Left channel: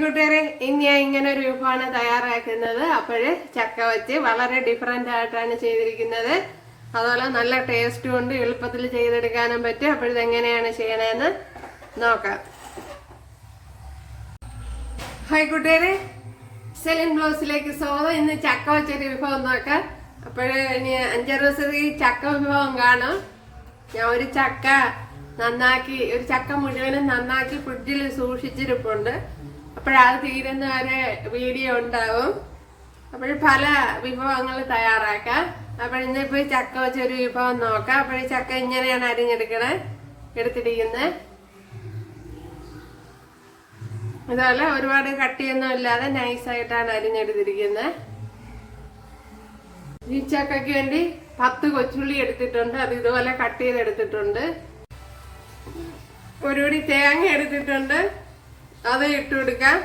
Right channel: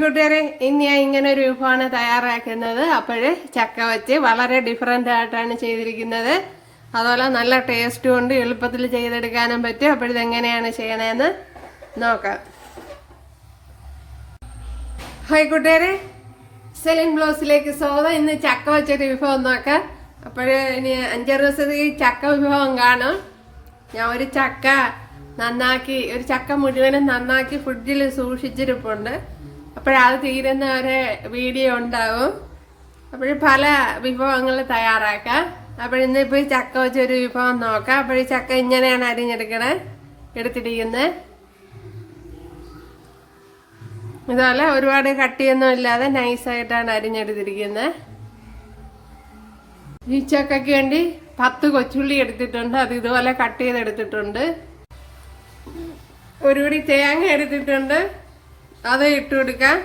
കൂട്ടുകാരെ, ഇനി ഞാൻ ഇങ്ങനെ ഒരു വിഭവമാണ് തയ്യാറാക്കുന്നത്. അപ്പോഴ് ചക്ക വെച്ച് വളരെ ഡിഫറെൻ്റ് ആയിട്ടാണ് ചെയ്തിരിക്കുന്നത്. അതുപോലെ നല്ല ടേസ്റ്റും ഉണ്ട്, എളുപ്പത്തിൽ ചെയ്തെടുക്കാനും പറ്റും. അപ്പോഴിത് എങ്ങനെയാണ് ചെയ്യണതെന്ന് നോക്കാം. ഹായ് കൂട്ടുകാരെ, സെലിൻ ബ്ലോസിലേക്ക് സ്വാഗതം. ഇന്ന് ചക്ക വെച്ചൊരു വിഭവം നോക്കാം. അപ്പോഴ് ഇനി 5-6 ദിവസത്തേക്ക് ചക്ക വിഭവം കാണും. ഞാൻ ഒരു ചക്ക മുഴുവനും നന്നാക്കി ഫ്രിഡ്ജിൽ സൂക്ഷിച്ചിരിപ്പുണ്ട്. അപ്പോഴത് തീരുന്ന വരെ വീഡിയോ ഉണ്ടാവും. അപ്പോൾ പല വിഭവങ്ങൾ തയ്യാറാക്കാം. അപ്പോഴിന്നിപ്പോൾ ചക്ക വെച്ചൊരു വിഭവം നോക്കാം. അപ്പോൾ ചക്ക ഇങ്ങനെയാണ് എടുത്തിരിക്കുന്നത്. ഇതുപോലെ ഒരുപാട് കട്ടിയൊന്നും ഇല്ലാതെ നൈസായിട്ടാണ് അരിഞ്ഞെടുത്തിരിക്കുന്നത്. ഈ ചക്കയ്ക്ക് വേണ്ടി 10 കൊച്ചുള്ളി എടുത്തിട്ടുണ്ട്. അത് ഇതുപോലെ കട്ട് ചെയ്തെടുത്തിട്ടുണ്ട്. ഒരു പിടി തേങ്ങ എടുത്തിട്ടുണ്ട്, അത് ഇട്ട് കൊടുക്കാം.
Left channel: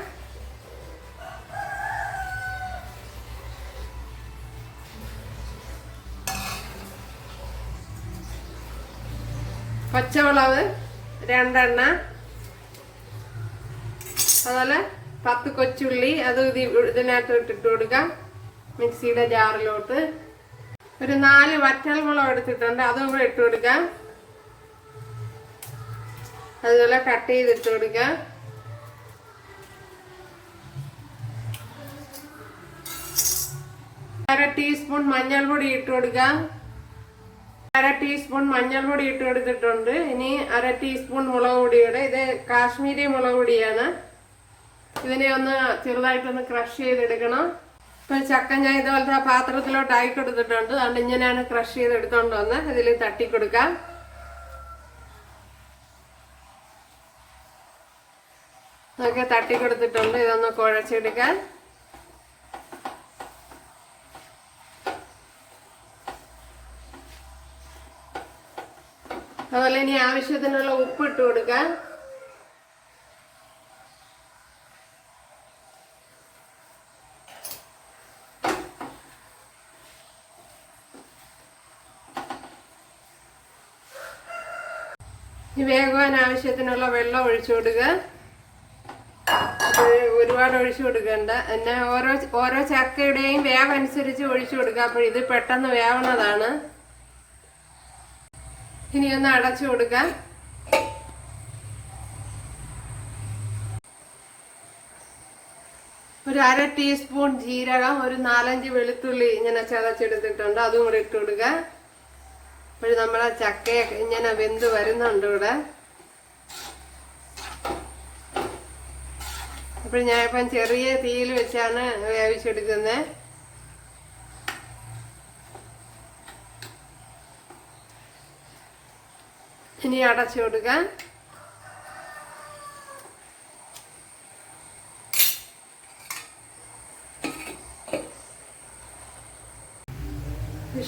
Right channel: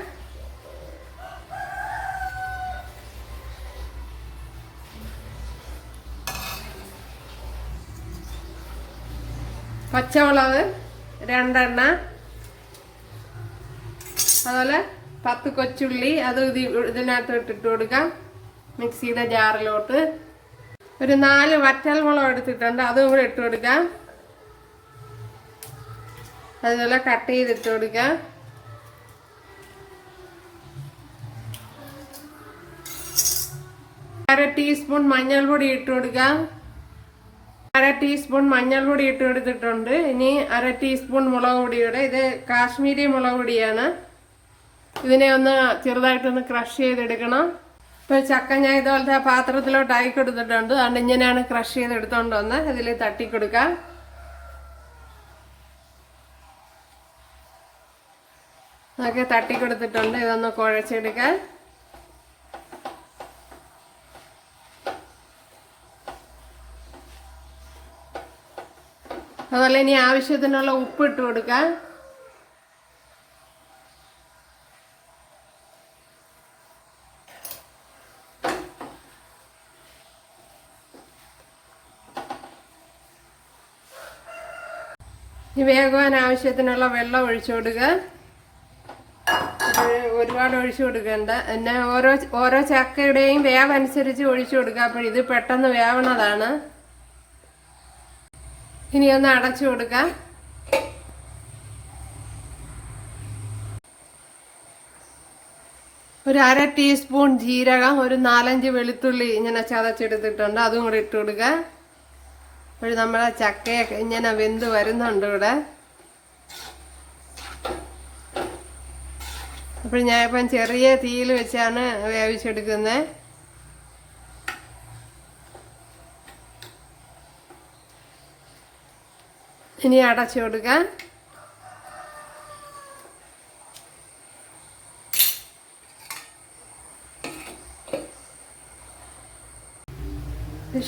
പച്ചമുളക് 2 എണ്ണം, അതുപോലെ 10 കൊച്ചുള്ളി അത് ഇതിനകത്ത് ഇട്ടിട്ട് കൊടുക്കാം. മിക്സിയുടെ ജാറിലോട്ട് ഒരു 4 വറ്റൽമുളക് എടുത്തിട്ടുണ്ട്, അതും കൂടെ ഇട്ട് കൊടുക്കാം. അതുപോലെ കട്ട് ചെയ്തിട്ട് കൊടുക്കാം. അര ടീസ്പൂൺ മഞ്ഞൾപ്പൊടി ഇട്ട് കൊടുക്കാം. 1/2 ടീസ്പൂൺ മഞ്ഞൾപ്പൊടി ഇട്ട് കൊടുത്തിട്ടുണ്ട്. ഇനി 1/2 ടീസ്പൂൺ മുളക് പൊടിയുടെ, ഇത് കാശ്മീരി മുളക് പൊടിയാണ്. ഇതിനെ ഒന്ന് ചെറുതായിട്ടൊന്ന് ക്രഷ് ചെയ്തെടുക്കണം. ഇപ്പൊ ചക്ക ഞാൻ ഇതുപോലത്തെ പാത്രത്തിലോട്ട് ആയി കൊടുത്തിട്ടുണ്ട്. അതുകൊണ്ട് ഇങ്ങനെയാണ് ക്രഷ് ചെയ്തെടുത്തോണ്ട് വന്ന് ഇതിൽ തട്ടിക്കൊടുക്കാം. ഒക്കെ തട്ടിക്കൊടുത്തിട്ടുണ്ട്. ഇതൊന്ന് കുഴച്ചെടുക്കാൻ. അതുപോലെ ഇനി ആവശ്യത്തിനുള്ള ഉപ്പ് ഇട്ട് കൊടുക്കാം. ഈ വേഗവാൻ ആവശ്യത്തിനുള്ള വെള്ളം ഒഴിച്ചു കൊടുക്കുക. ഒരുപാട് ഒഴിച്ചു കൊടുക്കണ്ട. പിന്നെ ഓരോ ചക്കയുടെയും വേഗം അനുസരിച്ച് ഒഴിച്ചു കൊടുക്കുക. അപ്പോൾ ഇത് പെട്ടെന്ന് വേവണതാണ്. ഇനി ഒന്ന് അടച്ചു കൊടുക്കാം. ഒരു 1/2 ടീസ്പൂൺ ജീരകം, ഒരു 4-5 വെളുത്തുള്ളി ഇങ്ങനെ ചതച്ചെടുത്തിട്ടുണ്ട്, അതും കൂടെ ഇട്ട് കൊടുക്കുക. അപ്പോൾ നമ്മളെ ചക്കയൊക്കെ ഇങ്ങനെ വെന്ത് വരുന്നുണ്ട് ഇവിടെ. അപ്പോൾ ഞാനിപ്പം ചെറിയ തീയിൽ വെച്ചാണ് വേവിച്ചെടുക്കുന്നത്. ഇനി അടച്ചു കൊടുക്കാം.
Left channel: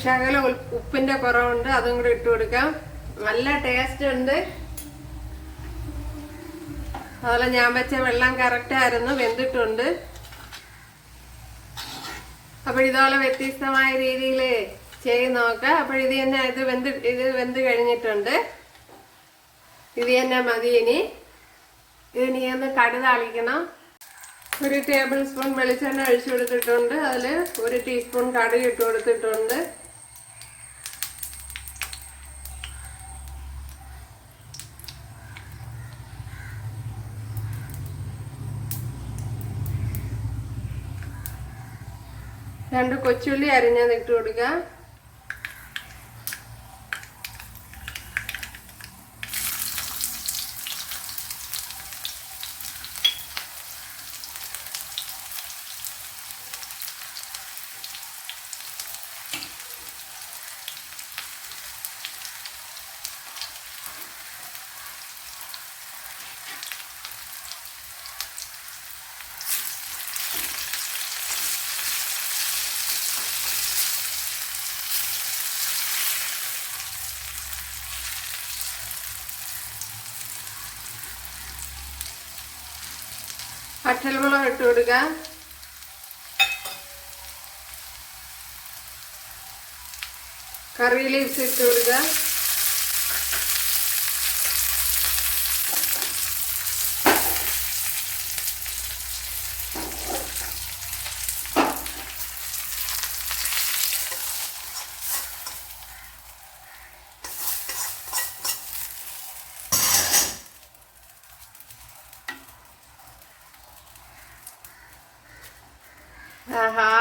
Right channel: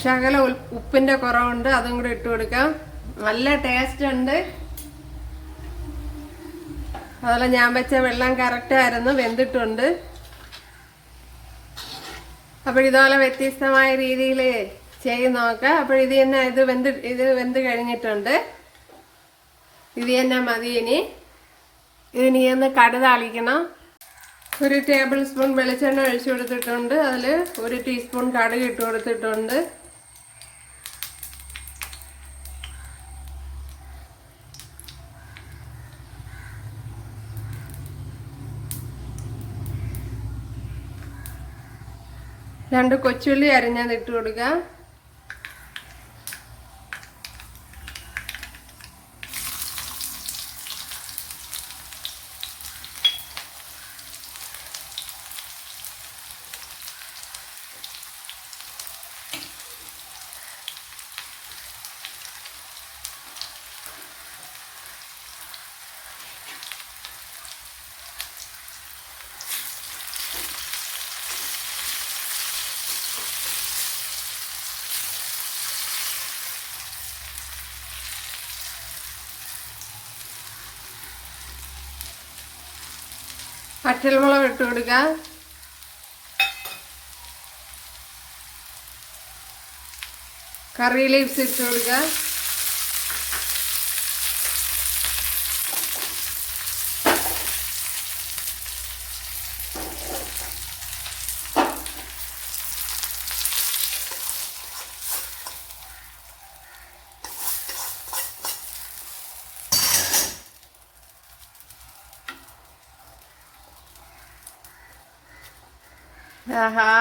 ശകല ഉപ്പിന്റെ കുറവുണ്ട്, അതും കൂടെ ഇട്ട് കൊടുക്കാം. നല്ല ടേസ്റ്റ് ഉണ്ട്. അതുപോലെ ഞാൻ വെച്ച വെള്ളം കറക്റ്റ് ആയിരുന്നു, വെന്തിട്ടുണ്ട്. അപ്പോൾ ഇതുപോലെ വ്യത്യസ്തമായ രീതിയിൽ ചെയ്ത് നോക്കാം. അപ്പോൾ ഇത് തന്നെ ഇത് വെന്ത് കഴിഞ്ഞിട്ടുണ്ട്. ഇത് തന്നെ മതി. ഇതിനി ഒന്ന് കടുതാളിക്കണം. 1 ടേബിൾ സ്പൂൺ വെളിച്ചെണ്ണ ഒഴിച്ചു കൊടുത്തിട്ടുണ്ട്. അതിൽ 1 ടീസ്പൂൺ കടുക് ഇട്ട് കൊടുത്തിട്ടുണ്ട്. രണ്ട് കൊച്ചുള്ളി അരിഞ്ഞത് ഇട്ട് കൊടുക്കാം. പച്ചമുളക് ഇട്ട് കൊടുക്കുക. കറി ലീവ്സ് ഇട്ട് കൊടുക്കുക. ആഹാ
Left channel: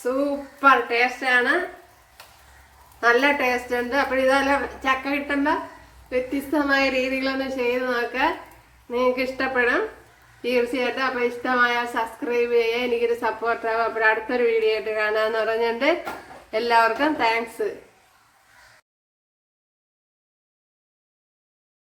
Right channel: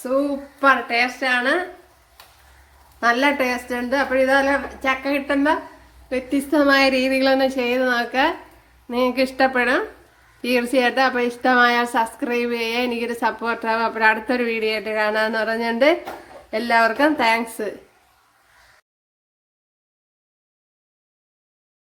സൂപ്പർ ടേസ്റ്റാണ്, നല്ല ടേസ്റ്റ് ഉണ്ട്. അപ്പോൾ ഇതെല്ലാം ചക്ക കിട്ടുമ്പോൾ വ്യത്യസ്തമായ രീതികളൊന്ന് ചെയ്ത് നോക്കുക, നിങ്ങൾക്ക് ഇഷ്ടപ്പെടും തീർച്ചയായിട്ടും. അപ്പോൾ ഇഷ്ടമായാൽ സബ്സ്ക്രൈബ് ചെയ്യുക, എനിക്കൊരു സപ്പോർട്ടാകും. അപ്പോൾ അടുത്തൊരു വീഡിയോ ആയിട്ട് കാണാമെന്ന് പറഞ്ഞിട്ടുണ്ട്. എല്ലാവർക്കും താങ്ക്സ്.